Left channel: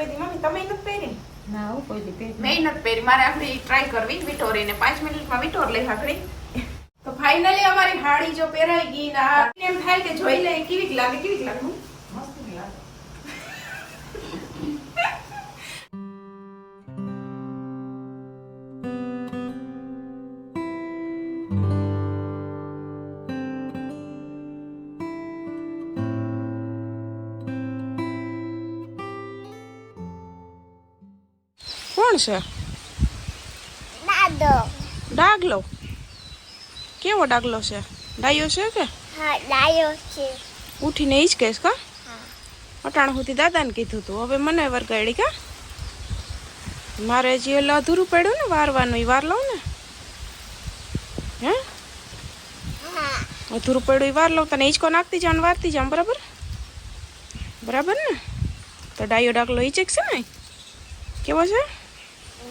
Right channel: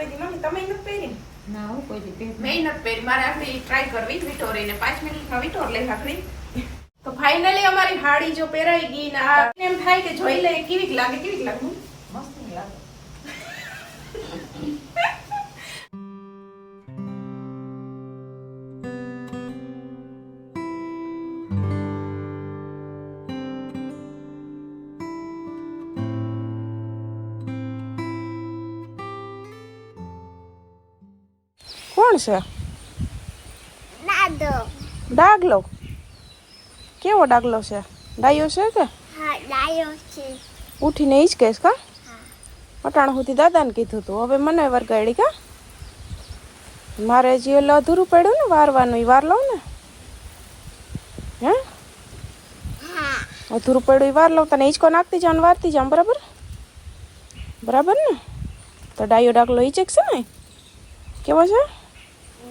કોઈ દી મમ્મી તમે નથી પહેરી? ના હું કોઈ દી પહેરી મેં નથી પહેરી. મારે આખડી ટ્રાય કરવી વિટોરીને પાંચ મિનિટમાં વિટોર લઈ હાકડી. તો ફાઇનલી અમારી હાડી જો પહેરાઈ ગઈ ને આ એમ થાય કે જોઈ લઈએ કેવી લાગે કેવી લાગે છે? ડાગલો. કેવો ડાગલો છે? ડાયો છે કે? ઉઠીને એ જ કહેશ કા? અટાણ સુધી દાદાને કીધું તું. હવે મને વરગાડી કા? મારે જે એટલે અધૂરું પડ્યું ને વારવાનું એ વાર લઉં ને? હે? અધૂરું પડ્યું એ વાર લઉં તને ઈચકો નાખતી જાઉં વારતી જાઉં બરાબર? બરાબર ને? તો ડાયો ડાકલો ઈ છે ને? કેવો છે?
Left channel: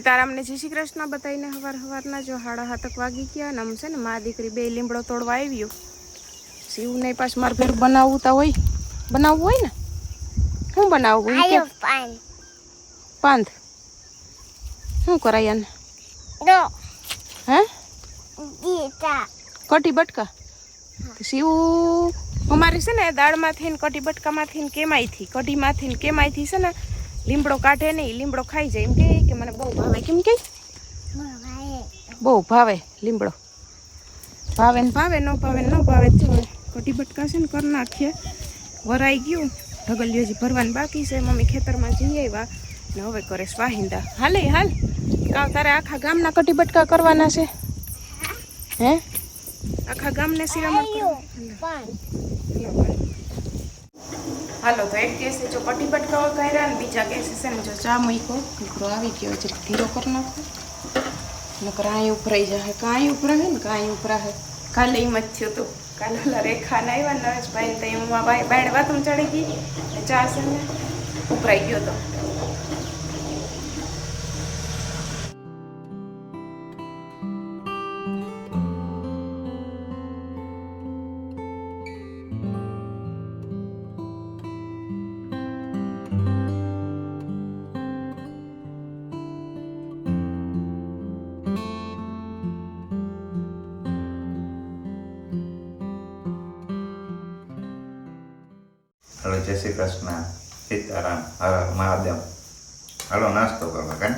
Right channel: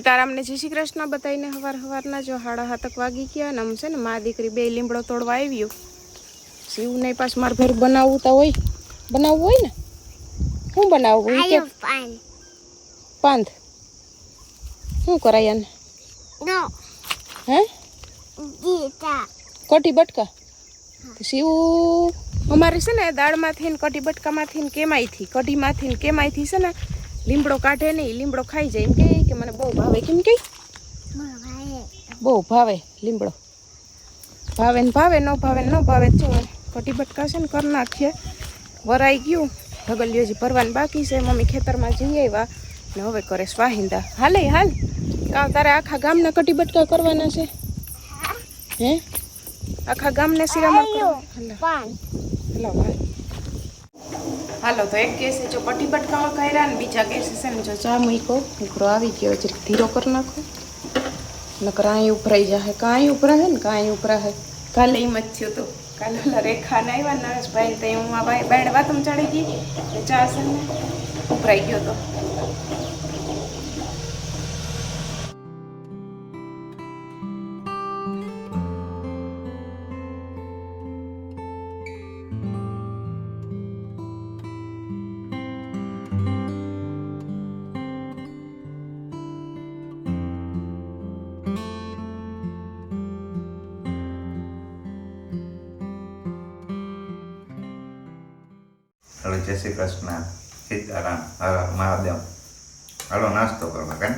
સીતારામને જય શ્રી કૃષ્ણ બતાવીને હવાર હવારના જો હાડા હાથક વાગી ગયા અને આમ છે ને મા દીકરી બે લીમડો તોડવા આવ્યો. શિવ પાછ મારે ભેર બનાવવું તો હોય. બનાવવું હોય ને? શું બનાવવું કે પાંદ. શું કરાય એને હે? કટી બટકા? શિવ અમારે છે ને દાળમાંથી ને કટી બટકામાંથી ને કેમાયથી કઢીમાંથી ને કેમાયથી છે ને લીમડો કાઢે નહીં લીમડો ખાઈ જાય. એમ કે કે મને બહુ ભાવે કેમ કે? બહુ ભાવે લીમડો. ભાવે ને ભાવે ન ભાવે ન ભાવે. જો કઢી બટકા છે ને કરી નાખીએ. વરાઈ ગયું. ઢગલિયો જે ભરવાનું બાકી છે. મમ્મી ખેતરમાં જઈ આવ્યા. ને હવે કરે સ્વાહિંદા. હાલે હાલ. કા તારે આખા ગામના કટી બટકા કરવાના છે? હે? આખા ગામને શિરામણ કરવા હાલ. હાલ. તો એક કેસે જો પટી પટકાઓ કર્યા ને બીજા કેસે છે ને જો ચા મૂકો ઉભરો આવી ગયો છે ધીરો કરી નાખો. નકર અહીં ઉભરાઈ જાય કાંઈ ઉભરાય ને કાંઈ ઉભરાય કાલે એમ જ થયું હતું કાલે ઓલા રેખા ને આવ્યા નરેશભાઈ તો હું આ ભાઈ બેડ વાતમ ચડી ગઈ. ને ચા છે ને ઉભરાઈ ગયો તો. સીતારામ હર મહાદેવ હાલો નાસ્તો કરવા કાન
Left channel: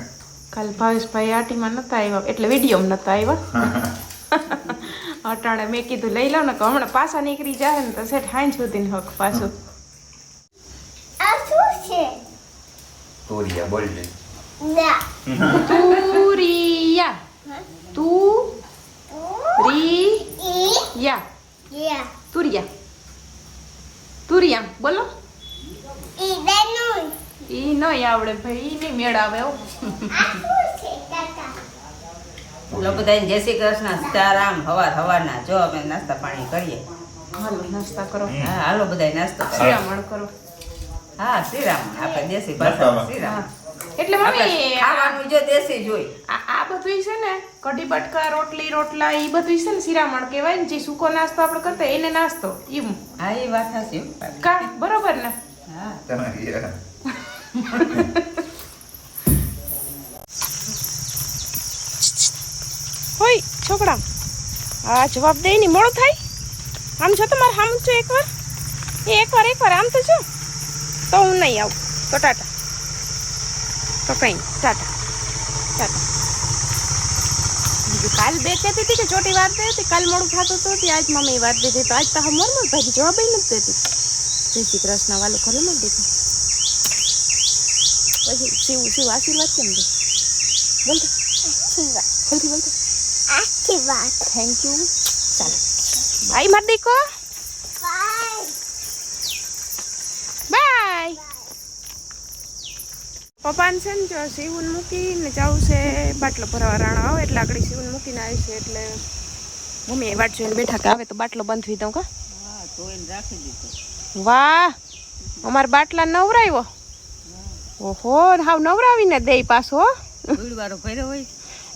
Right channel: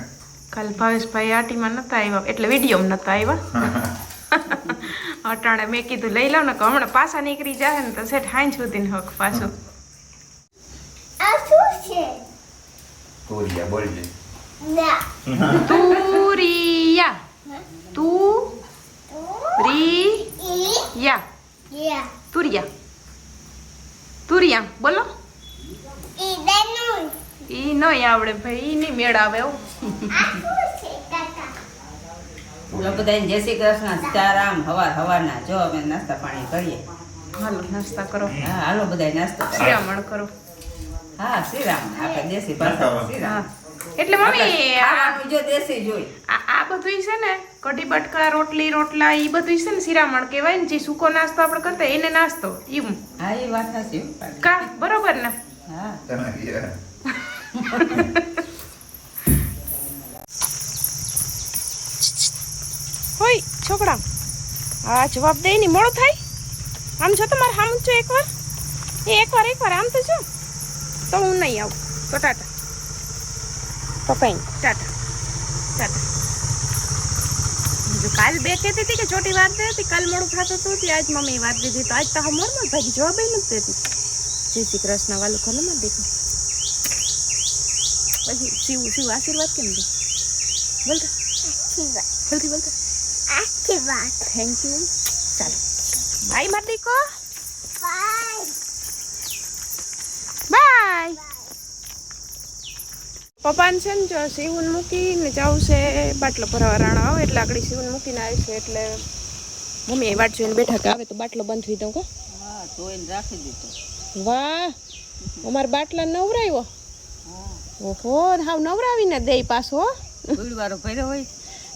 કાલ ભાવેશભાઈ આટીમાં નતા આવ્યા એટલે વિડીયોમાં નતા આવ્યા અટાણે મેં કીધું લઈ લો ને કે હમણાં પાછા નીકળી જાય ને તો સેઠ હાઈ સુધી હક પાછું આ શું છે તુરિયા બોલજે ના તુરિયા તુ રી યા યા તુરિયા તુરિયા બોલો ઈ નહીં આવડે ભાઈ ઈ નહીં મેળ આવે બધાને જય શ્રી કૃષ્ણ સીતારામ હવાર હવારના. જો અમે નાસ્તા પાણી કરીએ. હાલો નાસ્તા કરો. હા હાલો બધાય નાસ્તો કરીએ શિરામણ કરો. હા શ્રીરામ આપણે દેશી ભાષા શ્રીરામ. એટલે મમ્મી આવાનું ખાવાનું જો દેશી જોઈ. આ આ બધું છે ને કઢી બટકા રોટલી રોટલા એ બધું છે ને શિરામણ કહેવાય ને જે સૂકો નાસ્તો આપણે કરતા એને નાસ્તો એમ હા એ વાત સાચી હો. કા? બરોબર ને? હા તમે હોય છોકરા. આ જવાબ દે ની મોડો થાય. આમ છો તમારે આમ છો એકવાર. એ એકવાર એકવાર આમ તો છો તો હું નહીં આવું. તો ટાટા. તો કઈ ટાટા. ટાટા. કાલ બે કહેતી હતી કે ચોટી વાત હતી. કાલ મોડું થતું હતું. આજ મમ્મી વાત દીધી. તો આજ તો હમ મોર ભાઈ જવાબ નથી દેતી. જય શ્રી કૃષ્ણ વાલું ખોલો માં દેખો પછી શિવ શિવ આશીર્વાદ કેમ દે? બોલતો આશીર્વાદ. બોલતો આશીર્વાદ. થેન્ક યુ ચાલો. બાય માર દેખો બાય. પપ્પાને છે ને જો સીવન મૂકીને જવું છે બાટલો ભરવા રાણા આવે એટલે આગળ શિવન મૂકીને આવી છે એટલે મમ્મી એ વાટ જોઈને બેઠા કે આવે તો બાટલો બંધ થઈ દઉં કા? હા એને રાખી દીધો. વાહ અમાર બાટલા નવરાયો. ઓહો હાવ નવરાવીને દે પાછો હો. પડ્યો હોય.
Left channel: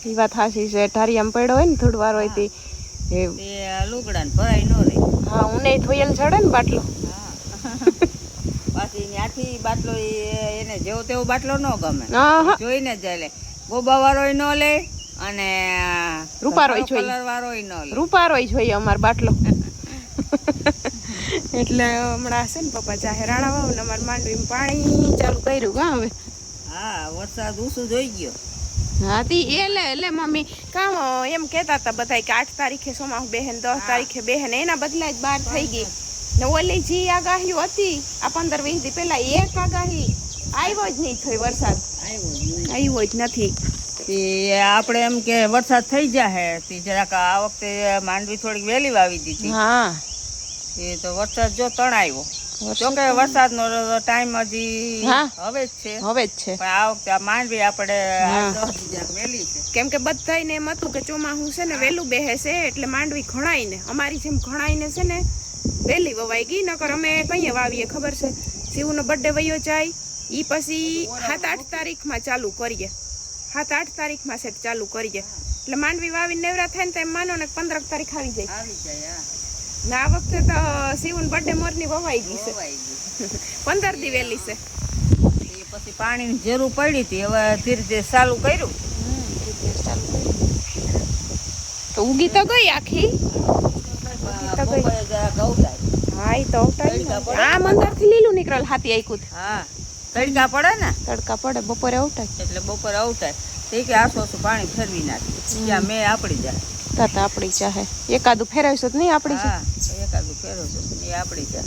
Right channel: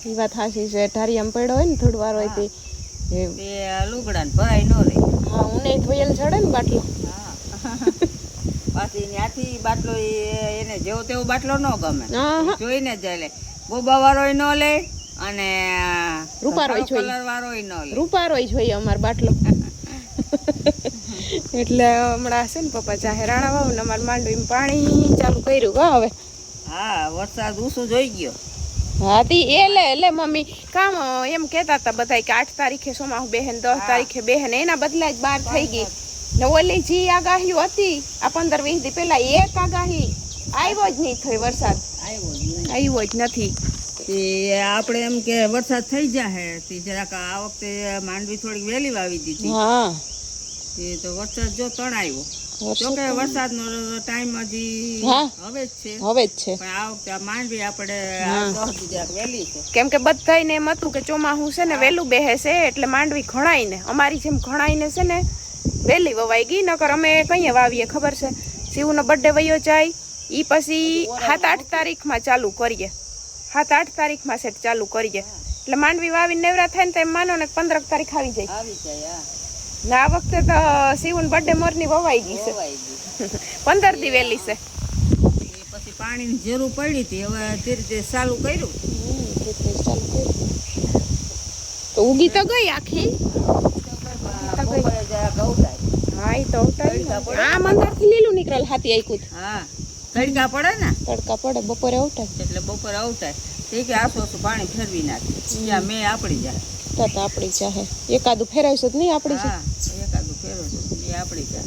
એ વાત હાસી છે ઢારિયામ પડ્યો હોય ને થોડું વાર હોય તે. લુગડા ભરાય ન રે હા ઉને ધોયેલ ચડે ને બાટલો. હા. પાછી ત્યાંથી બાટલો એને જેવો તેવો બાટલો ન ગમે. જોઈને જ લે ગોબા વાળો ન લે અને રૂપારોય જોઈએ. રૂપારોય જોઈએ અમાર બાટલો. એટલે હમણાં છે ને પપ્પા ચાહે રાણા વાવ ને અમારે માંડવી પાણી ચાલુ કર્યું કા હવે? હા વરસાદ ઊસું જોઈ ગયો. હા તી એ લે લે મમ્મી કામ એમ કહેતા હતા બધા કે આઠ તારીખે સોમાહુ બેહેન દસ તારીખે બેહેન એના બદલા જ બાર થઈ ગઈ. ને ઓલી જે આગાહીઓ હતી આ પંદર વીસ દી પહેલા એક આગાહી આવ્યો જ નહીં થયો વરસાદ. આવ્યો જ જ નથી. આપણે એમ કે વરસાદ થઈ જાય તે જરાક આ વખતે માંડવી થોડીક વહેલી વાવી દીધી. હા. એ તો વરસાદ જો તણ આવ્યો વરસાદ નો વરસાદનો ટાઈમ હજી હવે જ છે. હવે જ છે. પણ આ વખતે માંડવી આપણે હા. દસ દી વહેલી છે. કેમ કે બધાયને એમ હતું કે ચોમાહું છે ને વહેલું બેહે છે એટલે માંડવી ઘણાઈને અમારી જેમ ઘણાઈને છે ને વહેલી વવાઈ ગઈ નકર અમે કઈએ વાવીએ ખબર છે? શિવનો બર્થડે વયો જાય ઈ પછી સાત આઠ તારીખમાં ચાલુ કરીએ. સાત આઠ તારીખમાં સેટ ચાલુ કરીએ. એટલે માંડવી વાવીને નેવરા થાય ને તો એમ માનો ને પંદર તારીખ આવી જાય. આવી જાય ને આ વખતે તો શિવન બર્થડે મોરની વવાઈ ગઈ છે. પંદર દી વહેલી છે. એ પછી પાણીની જરૂર પડી હતી હવે ધીરે ધીરે ચાલુ કર્યું. ચાલુ. તો ઉગી તો ગઈ આખી? હા ઈ તો આ તડકા થી લીલું નીકળેલ હાથી આઈકું હા તડકા પડે ને? તડકા પડે બપોરે અવટાય એટલે બપોરે આવતા તે કે આસો પાણી ફેરવી નાખીએ. ત્યાં મેં આપડી જાય. તત આપણી ચાહે એકાદું ફેરવશો તો નહીં આપણી ચા એકાદું ફેરવજો તો નહીં, આપણી તો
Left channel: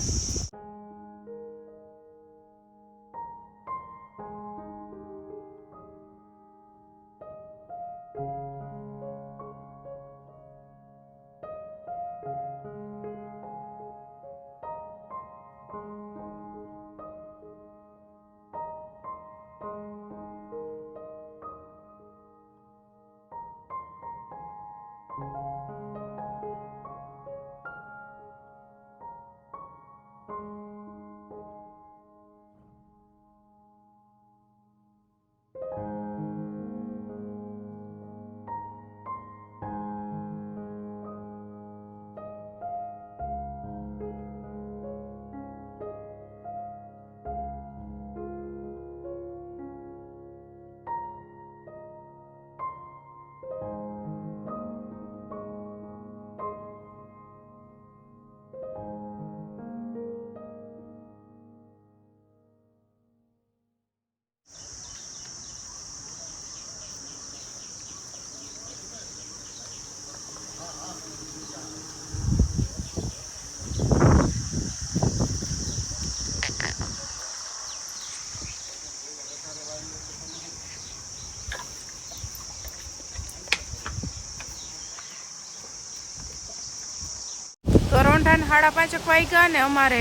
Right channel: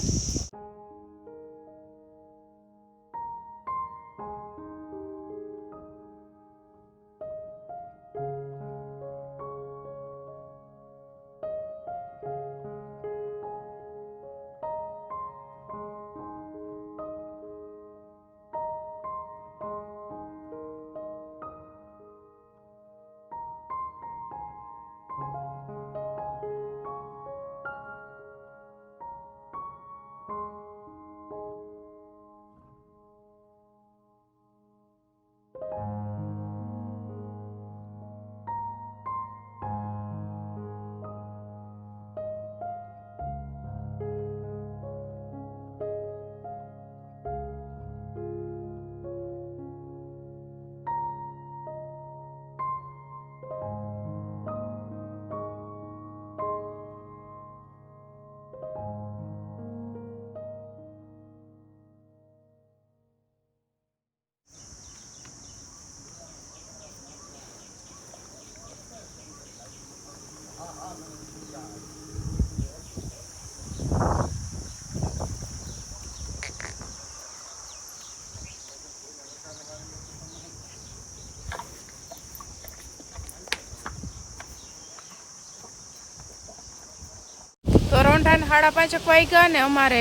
રોંઢાને હાડા પાંચક વાગ્યા ને અમારે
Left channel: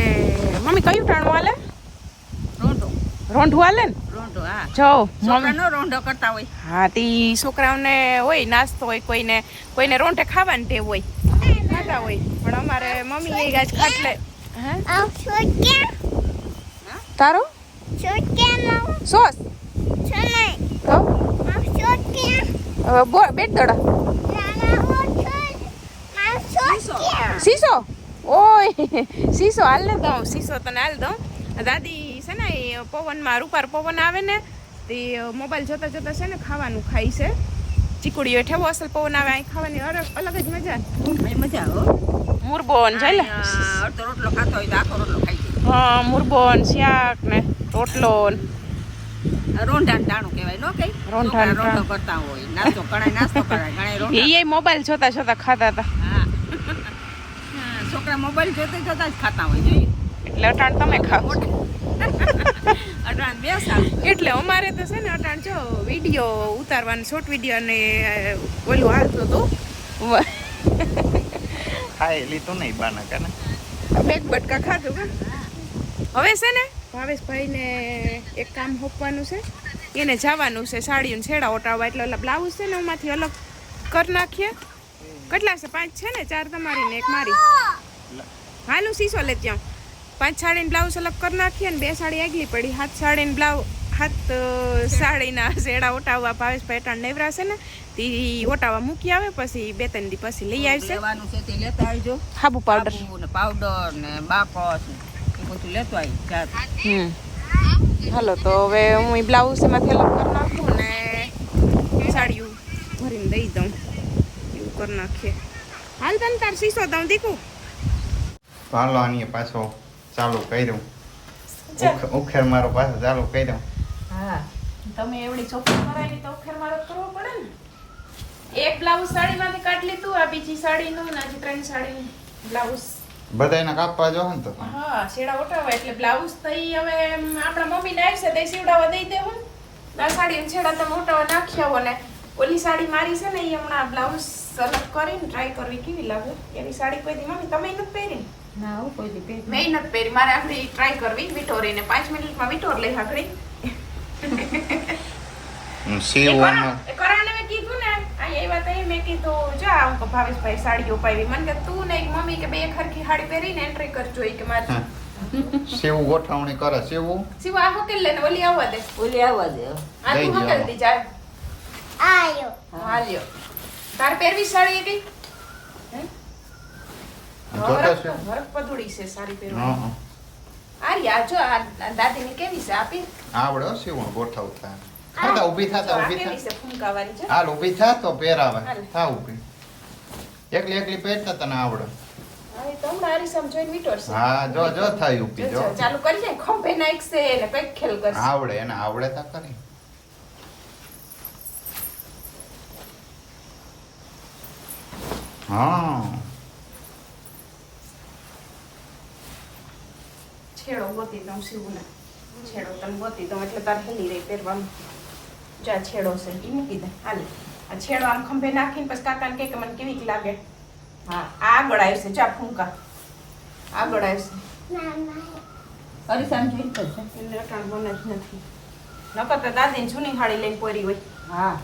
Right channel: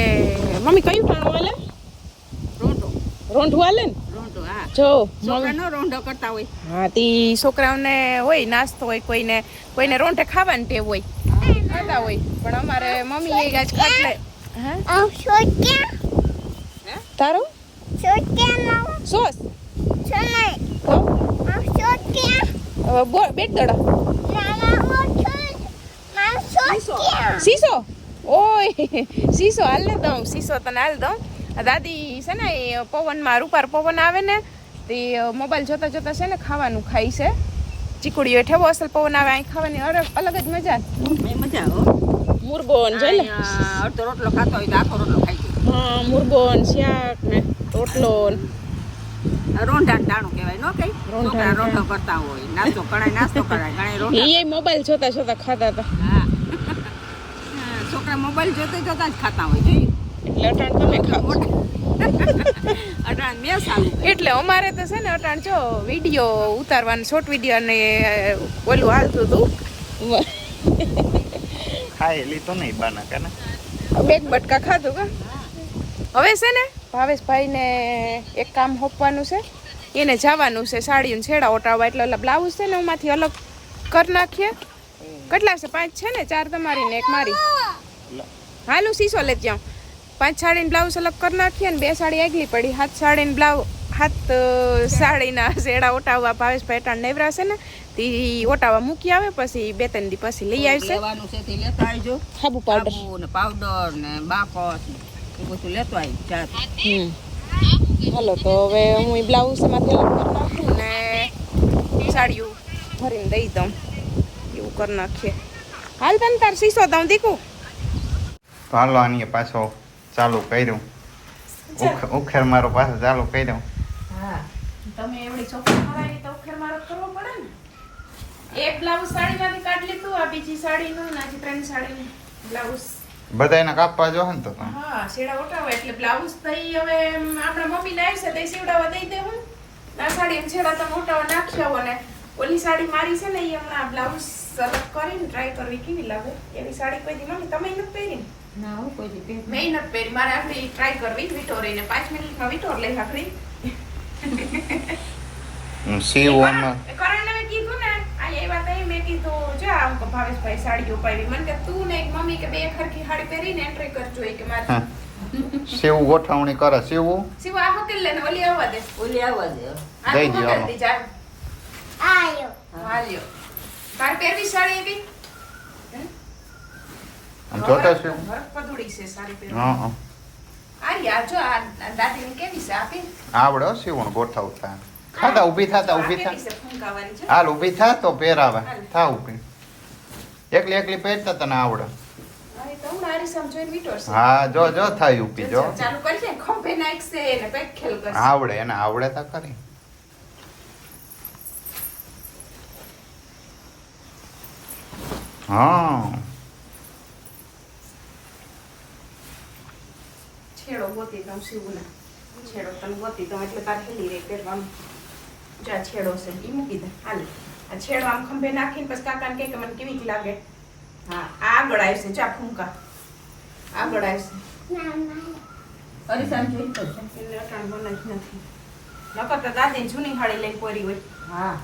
મમ્મી કયું ટાણું હાલે? રોંઢો. રોંઢું હાલે ને? રોંઢો હા. જો રોંઢો કરતા હોય. હા તી છોકરાઓને હોય નાસ્તો હોય કોઈને કોઈને રોંઢે ખાવાની ટેવ હોય ખાતા હોય. પણ અમારે મમ્મી એ આજ ખાટલે. હે. તારું. સોસ? તો? બેટ દડા. સીસો? ઓય સીસો હાલ ન દઉં સીસો તને હાલ દઉં. દાદી છે ને એ પવનમાં રૂપાર પવન આવે ને તે મોબાઈલ જોતા જોતા છે ને ખાવાનું ખાય છે. ચીકુડીઓ ઠેવો અસલ પવન આવે અહીં ખાવાની અલગ અલગ જ મજા મજા આવે મુરબોન જોઈ લે અડધો રોટલો ખાતો હોય તો આખો રોટલો ખાઈ જાય. હા મુરબોન શાક ને રોટલો રોંઢાણ ટાણું કહેવાય નો કઈ? રોંઢા રોંઢો કરતા હોય નાસ્તો કણાય નાસ્તો કરાય ઘણા રોંઢા. એ મોબાઈલ જોતા જોતા ખાતા હતા. છોકરા મોબાઈલ જોતા જોતા જ ખાતા હોય જોઈએ એટલે અટાણ તમે ખાવ. અટાણ મેં સારું એટલે અમારે તો છે ને અટાણ જો વીડિયો ઉતારવાનું શોર્ટ વીડિયો અને ઓલું હાલતું હતું. ખાઈ લીધું નહીં બાના કે બે બટકા ખાધું કે? હવે છે ને ભાવેશભાઈને એક કામ હોપવાનું છે. એને જવાનું છે સાડીનું છેડા ઓટાવવા એટલે ઓલા બ્લાઉઝ છે ને એમાંથી અલગ કરી નાખીએ. કેટલા છે? પાંચ છે ને? ચાર તમારી ને એક મારી. હાલું સીસો લે ત્યાં. પાંચ સાડીને બ્લાઉઝ અલગ કરી નાખીએ ને બે સાડી આગલી પડી. હાથ સાડીને બ્લાઉઝ હાથ સાડીના શેડા ઓટાવવા ભાવેશભાઈ અટાણ નેવરાશે ને તે ઓટાવા મૂકી આવે પછી બે ત્રણ દી પછી લઈ આવશે. લેતા આવજો. સાબુ પાવડર ને પાવડર ને બાકસ ને એ બધું લેતો આવી જાત. હમ. હાલો તો હવે હું બ્લાઉઝ એમાંથી અલગ કરી નાખું ને સાડીઓ ભરીને દઈ દઉં. એવું કરી નાખીએ. હાલ તને તાર સીસો દઉં દીકું. તો હાલો આની પાછો ચાલુ કર્યું. ઉખ- ઉખેર મારો પાછો ચાલુ કર્યો. હા. તમે એવડી ચોખ્ખી કરાવી તો ઉખેર મારો કરવો પડે ને. એક બ્લાઉઝ સાડીમાંથી કાઢી લીધું આ બીજી સાડીનું ને આજે ત્રણ સાડીનું બ્લાઉઝ. બધા એને કાપવા જો ને તો હા શેડા ઓટાવે એટલે બ્લાઉઝ થઈ હવે એમ આપણા મમ્મી આવશે તે સીવડાવવા દઈ દેવું આ સાડી છેડા તો મોટા નાખી આવો ને. ઓલી સાડી મારી છે ને એ હમણાં બ્લાઉઝ અલગ કરીને ટ્રાય કરવી કેવી લાગે? એની સાડી કોઈ દી મમ્મી તમે નથી પહેરી ને? ના હું કોઈ દી પહેરી મેં નથી પહેરી મારે આખરી ટ્રાય કરવી વિટોરીને પાંચ મિનિટમાં વિટોર લઈ આખરી. હમ, સીવવામાં કરાને મેં કીધું ને. આ એ વાત આવી મેં કીધું. જો આમ કે ભાવેશભાઈ સાડીઓ ઉપાડી મને કે તું ને એક મમ્મી કે બે ખરખી સાડી પહેરીને એન્ટ્રી કરજો ઈ કે મારી. સેવું ગોઠવણી કરે. સેવું? સેવું આ હોટેલ લઈને ઓલી આવવા દે. ઓલી આવવા દે. આ દઈ. જા. આયો. હાલ્યો તાર પહેરવી સાડી એવી? જોતો છે પધુડી છે સાડી પહેરવી હા. આરી આ જો આ દાદીની કેવી છે? આપી? આવડે સીવણ ગોઠવતા ખાતા ઊભી થાતા ઊભી થા. હાલ ઊભી થા તો પહેરાવે. થા ઊભી. એકલી એકલી પહેરતા તને આવડે. હા, જો જો થાય ઊભી જો ચાલુ કરી દે. ખંભે નાખશે ને કંઈક ખેલ કરશે. આવડે એને આવડે તો ખરી. હા. છેડો ગોતી દઉં શિવને. છેડો તને ગોતી દઉં એટલે તાર હેલી રહી પહેરવાનું. જા છેડો છે એ મૂકી દે. હાલ. આ છેડો આમ ખંભે નાખીને પછી કાકાને કહે કે મને કેવી લાગે. હા. આગળ આવશે ચા ફૂંકા. આગળ આવશે. અરીસામ જોઈ તો છે. એને અટાણ બને જ નથી. નકર તો દાદીને જૂની હાડી લઈને પોરી હોય. હા.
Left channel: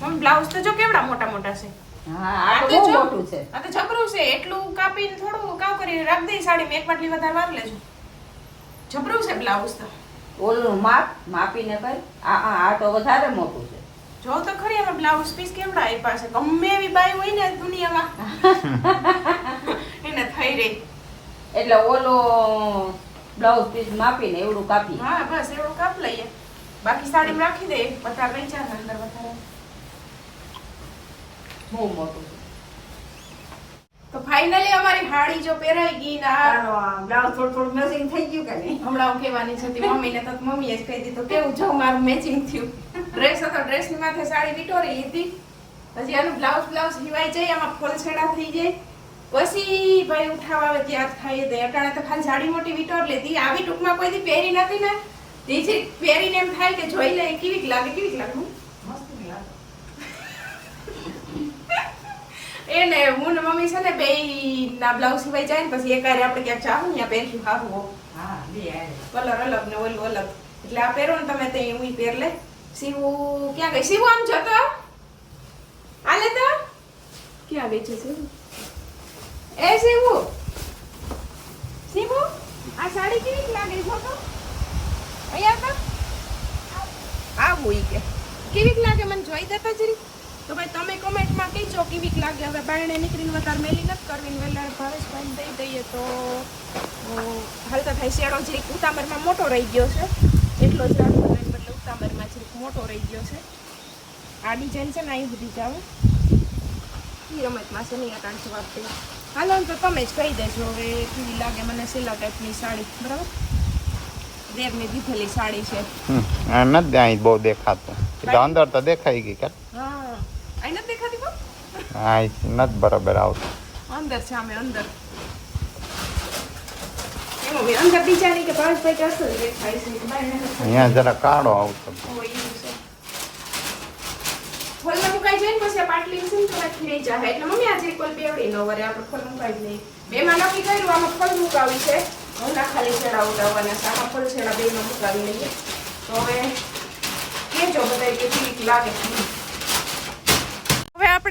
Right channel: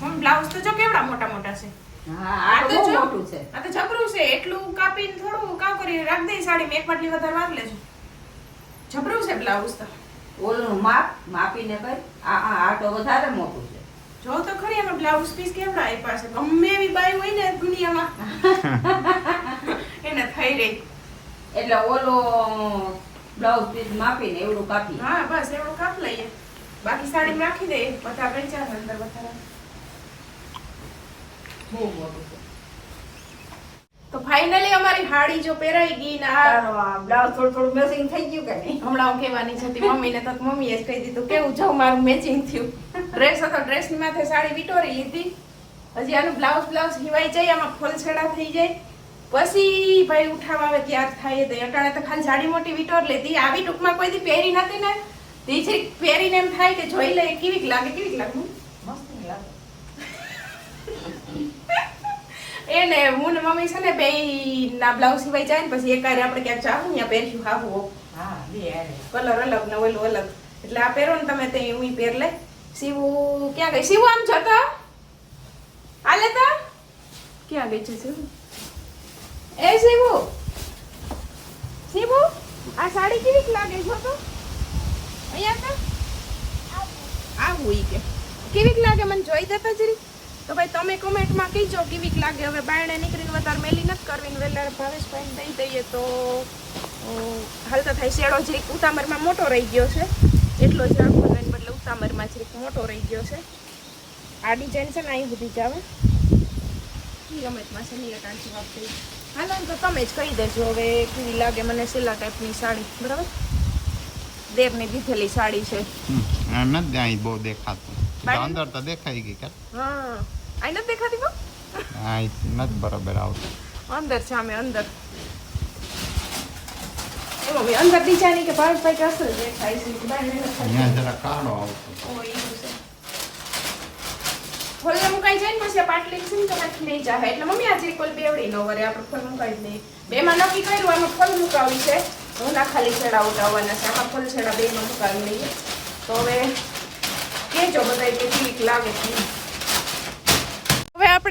હું બ્લાઉઝ તો જો કેવડા મોટા મોટા છે. આ તો બહુ મોટું છે. આ તો જબરું છે. એટલું કાપીને થોડું કામ કરી રાખ દે સાડી એક વાટલી વધારે વાર લેજો. જબરું છે બ્લાઉઝ તો. ઓલું માપ માપીને કર. આ આ આ તો વધારે મોટું છે. જો તો ખરી અમે બ્લાઉઝ પીસ કેવડા આપ્યા છે? ગમે એવી બાઈ હોય ને દુનિયામાં. એને થઈ રહી. એટલે ઓલો બ્લાઉઝ પીસ માપીને એવડું કાપી હા બસ એવડું કાપ લઈએ. બાકી સાડી રાખી દે. બધા ને અંદર વધારે. બહુ મોટું તો ફાઇનલી અમારી હાડી જો પહેરાઈ ગઈ ને આ બ્લાઉઝ થોડું થોડું મેચિંગ થઈ ગયું કે નહીં? હમણાં હું કહેવાની હતી મમ્મીને તો મમ્મીએ જ કહી દીધું કેવું જો મારું મેચિંગ થયું. ડ્રેસ હતો ડ્રેસની માથે સાડી વિટોરી લીધી. હજી આનું બ્લાઉઝ બ્લાઉઝ સિવાય જાય આમાં ફોલછેડા થઈ જાય. પછી ભાઈ ઉઠાવા આવે ત્યાર થાય તે અટાણે તો ખાલી સાડી મોટી વિટોર લીધી. આવી ટૂંકમાં કોઈ દી પહેરી નથી ને. તે જરીક પહેરીને એમ થાય કે જોઈ લઈએ કેવી લાગે કેવી લાગે મસ્ત લાગે એને હું ને મમ્મી છે ને બે ના બ્લાઉઝ સિવાય જાય ને પછી એકારે આપણે ક્યાંક ચાલુ ત્યાં પહેર્યું ખાવું હા બે. કલર અલગ ને ઓલું અલગ. એટલે આ પહેરો ને તમે તે હું પહેર લે. સીવું ક્યાં ગઈ? સીવું આમ છો તો? આલે તો? ક્યાં બેઠે છે? એ સીવું સીવું આ સાડી કેવી લાગે? છો તો. અહીંયા તો. આવું ઈ કે. કેવી લાગે? મને જોઈ દેતા જરી. તો ભાઈ તમે કોમેન્ટમાં કહીજો કેવીક લાગે. હવે બાયણે નીકળીને વધારે મેલી નથી કરવી વેલાર ભાવેશભાઈને દઈ દઈએ તો હાલ હાલતા થાય શેડો જે ઉતામરમાં મોટો રહી ગયો છે. એટલો જ રાખવાનો એને બદલે ઉતામરમાં જે મોટો રહી ગયો છે. આ ડિઝાઇન છે ને અહીં બધી જ આવે ઈ અમતમાં છે નહીં અટાણ જવાબ દઈએ હાલો તો તમે જ કહી દેજો હવે કેવી લાગે મને સેલા ટાઈપની સાડી. બરાબર? દેરની દીધેલી સાડી છે. આ નથી બહુ દેખાતું. અંદર તો દેખાઈ ગઈ કે? હા. આ નથી દેખાતી કો આ નથી બરાબર આવતું. અંદર છે અમે અંદર. ડિઝાઇન કે દેખાય છે અહીંયા જરા કાળો આવતો. મુકાઈ જાય ને પછી પાટલી શું ને કદાચ જાય એટલે મમ્મી આજે કોઈ બેવડી ન વરે આપણે ફોલ મુકાઈ નહીં બેમાં નક્કી કર્યું આમાં ફોલ મુકાવી છે. હું ના ખાલી છેડા ઉડાવવાના છે ફોલ છેડા બેમાં મુકાવી તો હવે કેજો બધા લાગે.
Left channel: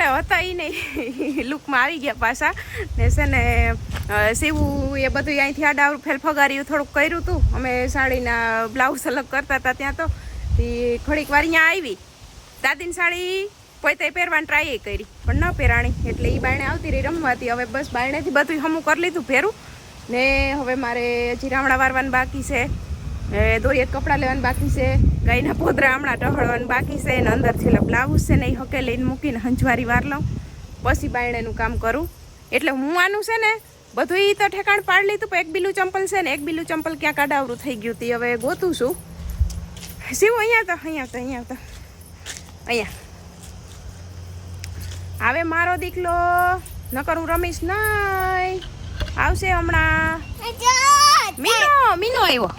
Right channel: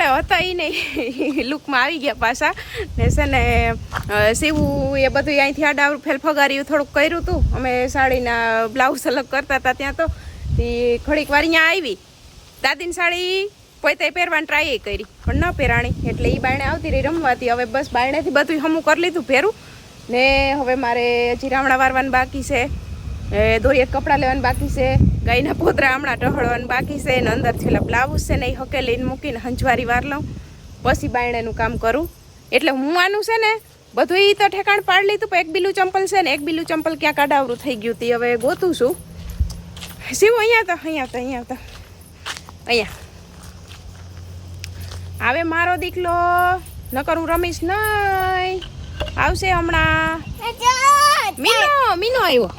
આપણે હતા એ નહીં. લુકમાં આવી ગયા પાછા. ને છે ને સીવું એ બધું અહીંથી આડા ફેલ ફગાર્યું, થોડુંક કર્યું હતું અમે સાડીના બ્લાઉઝ અલગ કરતા હતા ત્યાં તો. તે ઘડીક વાર અહીંયા આવી. દાદીની સાડી પોતે પહેરવાની ટ્રાય કરી. પણ ન પહેરાણી. એટલે એ બાયણે આવતી રહી રમવાતી હવે બસ બાયણેથી બધું હમું કરી લીધું પહેરું ને હવે મારે હજી રામણા વારવાનું બાકી છે. એ દોરી એક કપડાં લેવાનું બાકી છે. ગાયના પોતરા હમણાં ટહળવાનું બાકી છે અને અંદર છેલ્લા બ્લાઉઝ છે ને એ હકે લઈને મૂકીને હંજવારી વાર લઉં. પછી બાયણેનું કામ કરું. એટલે હું આનું છે ને બધું એ તો ઠેકાણ પાડી લીધું પણ એક બીલું ચંપલ છે ને એક બીલું ચંપલ ક્યાં કાડાવરું થઈ ગયું હતી હવે ગોતું છું. સીવું અહીંયા તો અહીંયા તો અહીંયા તો. અહીંયા. હવે મારો દીકલો. નકર હું રમીશ નહીં. આવશે હમણાં. મીનો મીનો આવ્યો.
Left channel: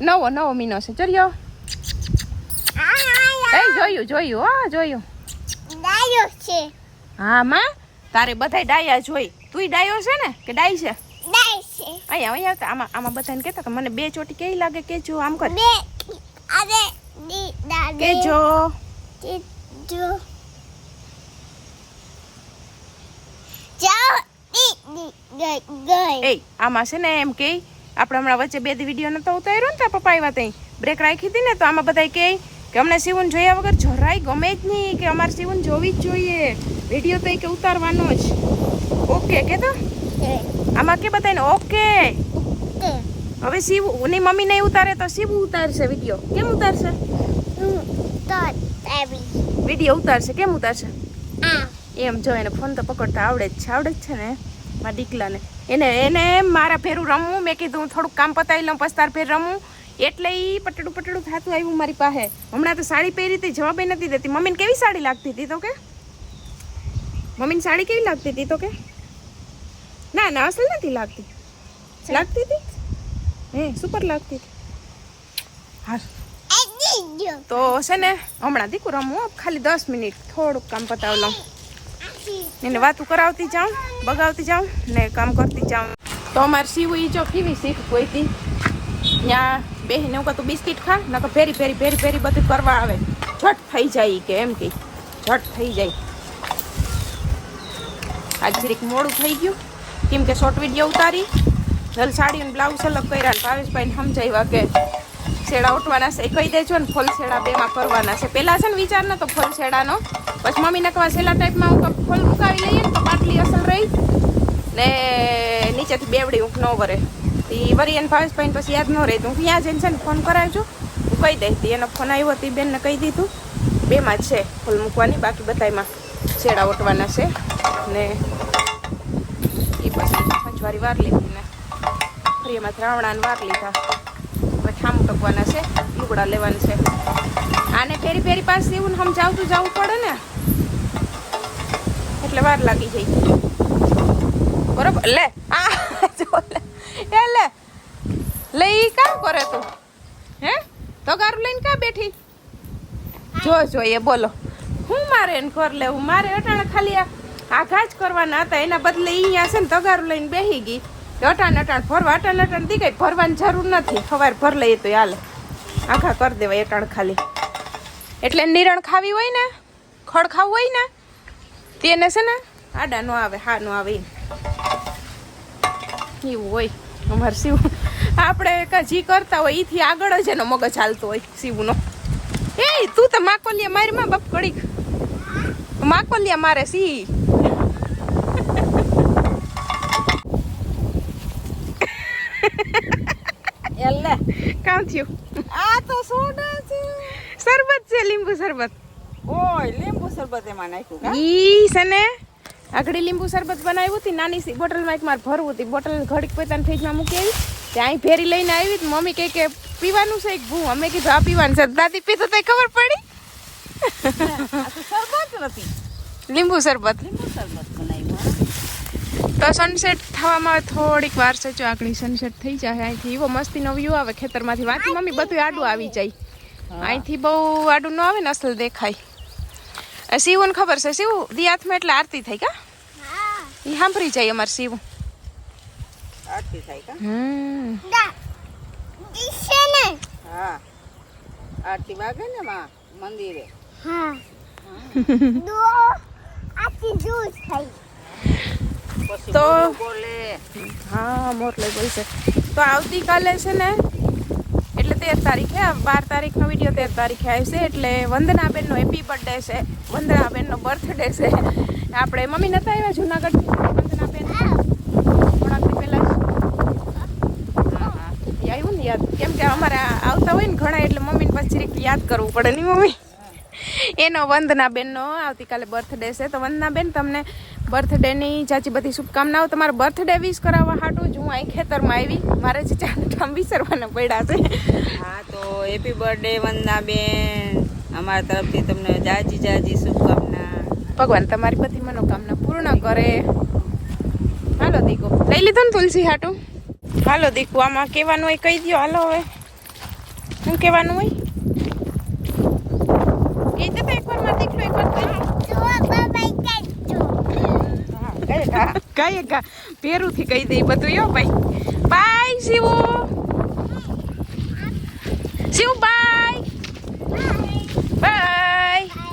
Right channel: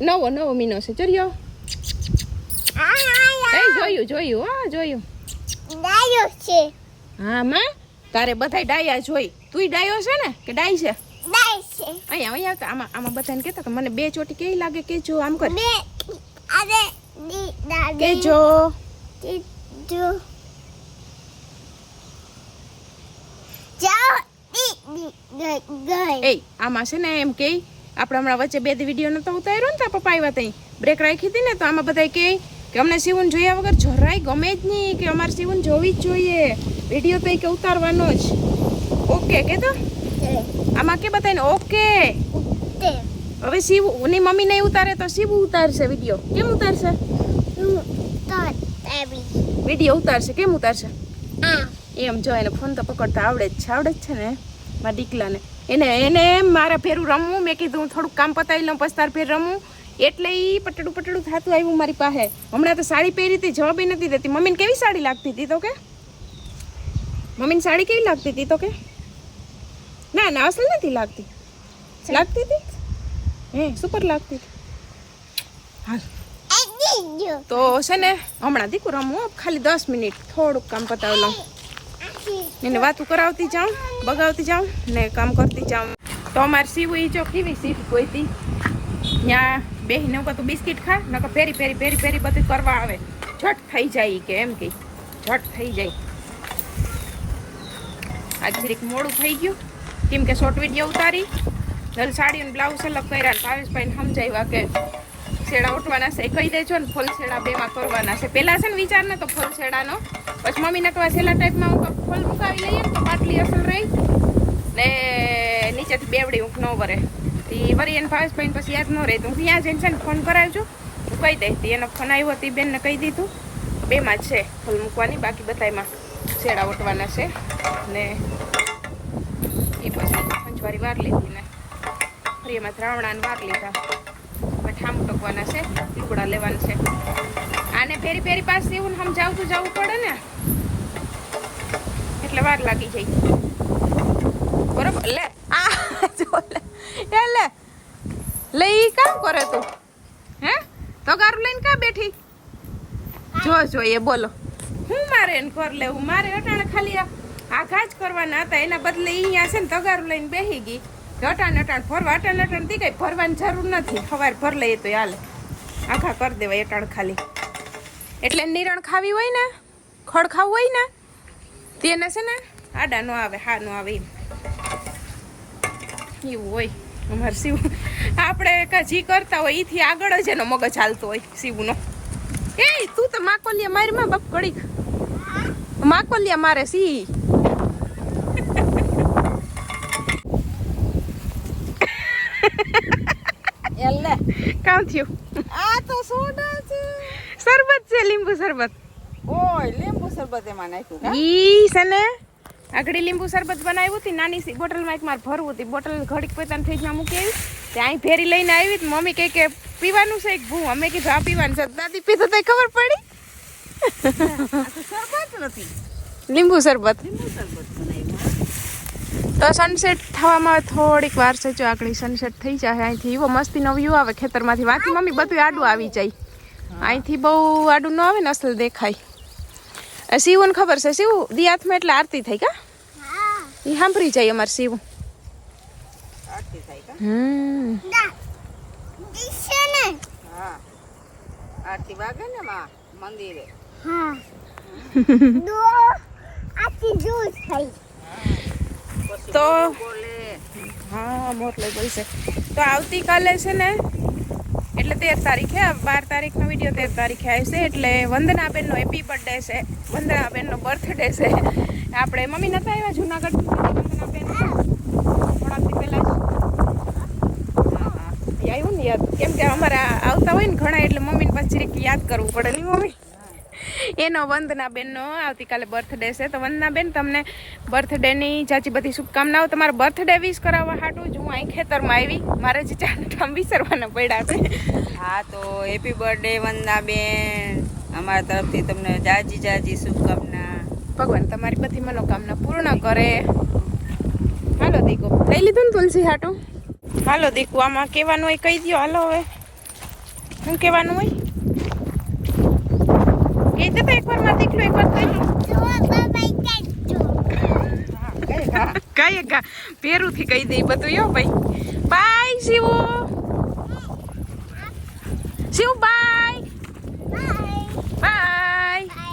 નવો નવો મીનો છે ચલ્યો એ જોયું જોયું હા જોયું હા માં તારે બધાય ડાયા જોઈ તુંય ડાયો છે ને કે ડાઈ છે અહીંયા અહીંયા તો આમાં આમાં બધાને કહેતા કે મને બે ચોટી કેવી લાગે કેજો આમ કર કેજો એ આમાં છે ને એમ કે આપણે હમણાં વચ્ચે બે વીડિયો નતો ઉતાર્યો ને ત્યાં પપ્પા આવ્યા ત્યાં બ્રેક રાખી હતી ને તો આમાં બધા કહે કે અમને સીવન જોયા વગર જરાય ગમે જ નહીં કે અમારે સીવન જોવી જ જોઈએ. વીડિયો તો કે ઉતારવાનો જ. ઓકે કે તો? આમાં કે બતાવીને ઓકે હવે શિવની મમ્મી નહીં ઉતારે તો શિવ ઉતારશે વીડિયો કેમ ઉતારશે? વીડિયો ઉતારશે. કેમ ઉતારશે? એમ જો એને ફોન તો પકડતા આવડે જ છે. આવડે જ છે ને મારા દીકલાને. એને એને એમ મારા ભેરું રમવું મેં કીધું હું થોડુંક કામ પતાવી લઉં પછી તાર ભેર રમવું એટલે ઈ પટડું પટડું થતું આવ્યું મારી પાસે. હમણાં તો સાડી પહેરી હતી જવાબ નથી દેતી. મમ્મીને કેવી સાડી લાગતી હતી તો કે? મમ્મીને સાડી કેવી લાગતી હતી તો કે? ના ના અસલ નથી લાગતી. લાગતી હતી? હે સુપર લાગતી હતી. હા તો છે ને હમણાં દીકું રમવું ખાલી દસ મિનિટ. થોડુંક કામ પતાવી લઉં. એને વાતું કરાવતી જાઉં, બગાવતી જાઉં ને કામ કરતી જાઉં. તો અમારે સીવું જો કેવી સીટ કોઈ હતી ત્યાં બેહીને હું કહું બિસ્કિટ ખા, નકર ફેરી ફેરી ફેરી ફેરી બધું કરવા આવે. ઝટ થઈ જાય ઈ કે, એમ કે. ઝટ થઈ જાય. આજ જરીક મોડું થઈ ગયું. કેમ કે શોર્ટ વીડિયો ઉતારી. નલ સાડી અને બ્લાઉઝ અલગ કર્યા ને ભાવેશભાઈને સમજાવ્યા કે શેડા ઉઠવાના છે. એ કહી દેજો ને ફૂલ શેડા બેમાં કરવાના છે. પહેલાં છે ને વિચાર તો ફૂલ શેડાનો પછી મમ્મીને કહવા છેલ્લા ટાઈપમાં હું ફોલ મુકાવી લઈએ ને તો બાટલી અસલ રહી. ને નીચેથી બેવડી ઊંઘ ન વરે. તી વરી એને ભાવેશભાઈને પછી યાદ ન રહે. તું ત્યાં જઈને છે ને ફોન કરાવજો. હું કહી દઈશ, તી એનો ફોન આવ્યો હતી બેનને કહી દીધું. બેમાં જ છે ફૂલ મૂકવાની, બાકી બધાયમાં શેડા ઉઠવાના છે. ને એ પછી પંચવારી વાર લીધી ને. ફરી એમાં ત્રાવણાને વાર લીધા. ઠામ ટકવાના છે, લુગડા લેવાના છે. આને ફેરી ફેરી પાસે એવું સમજાવતું જવું પડે ને, એટલે વાર લાગી જાય. બરોબર? લે, આ એ, લે. લે, ઈ કામ કરે તું? હે? તગારું લઈને કા બેઠી? જો જો, એ બોલો. હું મારે એને ઘર લેવું? મારે અટાણે ખાલી આ આઘા જ કરવાના હતા. એના બદલે અહીંયા છે ને તગારું લઈને બેહી ગઈ. તો અટાણ અટાણ ફરવા અટાણ અટાણ દી ગઈ ફરવાની જરૂર નથી. સવારે ભર લઈએ તો હાલે. આખા કરી દેવાય અટાણ ખાલી. એટલે નિરણ ખાવી હોય ને, ખડ ખાવું હોય ને, તેને છે ને આડા નો આવે, હા નો આવે. એવું હોય અમારે શિવ. આપણે જી કરતા હોય એથી આગળ જ એનો મગજ હાલતો હોય, શિવનો. એ તું તો માકોલિયા મારી માં બાપ કડીક માકોલિયા મારે સી એટલે કામ થયું. આ તો સોડા છે. શરબત છે લીંબુ શરબત. ઓય લીંબુ શરબત એમાં નાખ્યું કા? ઈ છે ને આગળ લીંબુ શરબત બનાવ્યું હતી નાની સી બોટલમાં એક માર ભરવું હતી બોટલ ઘડીક પૈતાને ફ્રીજમાં મૂકી આવી ત્યાં ફેરી લઈને આવી તો મમ્મી કહે કે પીવાનું છે એક ભૂ? અમે કીધું આ પીવાનું છે. દાદી પીધું તો ખબર પડી. શરબત નથી. લીંબુ શરબત. લીંબુ શરબત બનાવ્યું તો સનસેટ થવામાં થોડીક વાર છે જો આગળ સનસેટ થઈ જાય અહીંથી એવો મસ્તીનો વ્યૂ આવે ખેતરમાંથી વાંચી મમ્મી બધું આડું આવી જાય. અહીંથી બહુ આડું ન આવે ને અસલ દેખાય. શિવને ખબર છે શિવ દિયાથમાં એટલે આરતી થઈ કા? એ સાંભળી જાય અમારે શિવ. આરતી થાય હમ. દા ને. આરતી વાગે ને માં મંદિરે. હા. દો તો હા મોરલે બોલશે તો આવતીકાલે છે ને, એટલે તેર તારીખે બાર તારીખનો વીડિયો તેર તારીખે આવશે એટલે વંદનાબેનનો હેપી બર્થડે છે. વંદનાબેનનો બર્થડે છે. આપણે મમ્મી નતા આવ્યા જુનાગઢ વંદનાબેન થોડાક પહેલાં આવ્યું ને યાદ? કેમ કે અમારે આવતા હોય ને ઘણા, એટલે મમ્મીને પછી યાદ કરવું પડે, નહીં મમ્મી? એનો વંદનાબેનનો આવતીકાલે બર્થડે છે. તો વંદનાબેન તમને બર્થડેની ચાચી બધી શુભકામનાઓ. તમારો બર્થડે વિશ કરાવવા હાટું જ હું અહીં ખેતરમાં આવી. મારે જ ચાર વિસરવાના પડ્યા છે. હા તો હેપી બર્થડે વંદનાબેન અમારા તરફથી તમને જાજી જાજી શુભકામના. ભગવાન તમારી બધી મનોકામના પૂર્ણ કરે. હાલો દીકો લઈ લીધું ને તુલસી હાટું? હાલો દીકુ આમાં કહેવાનું હોય કહી દો હાલો હવે. શું કહેવાનું હોય? તો એકવારમાં દીકરો એકવાર કઈ ગા પેરું થી કહી દઈ બધું યો ભાઈ. Bye, Shiv. Shiv, bye. Bye.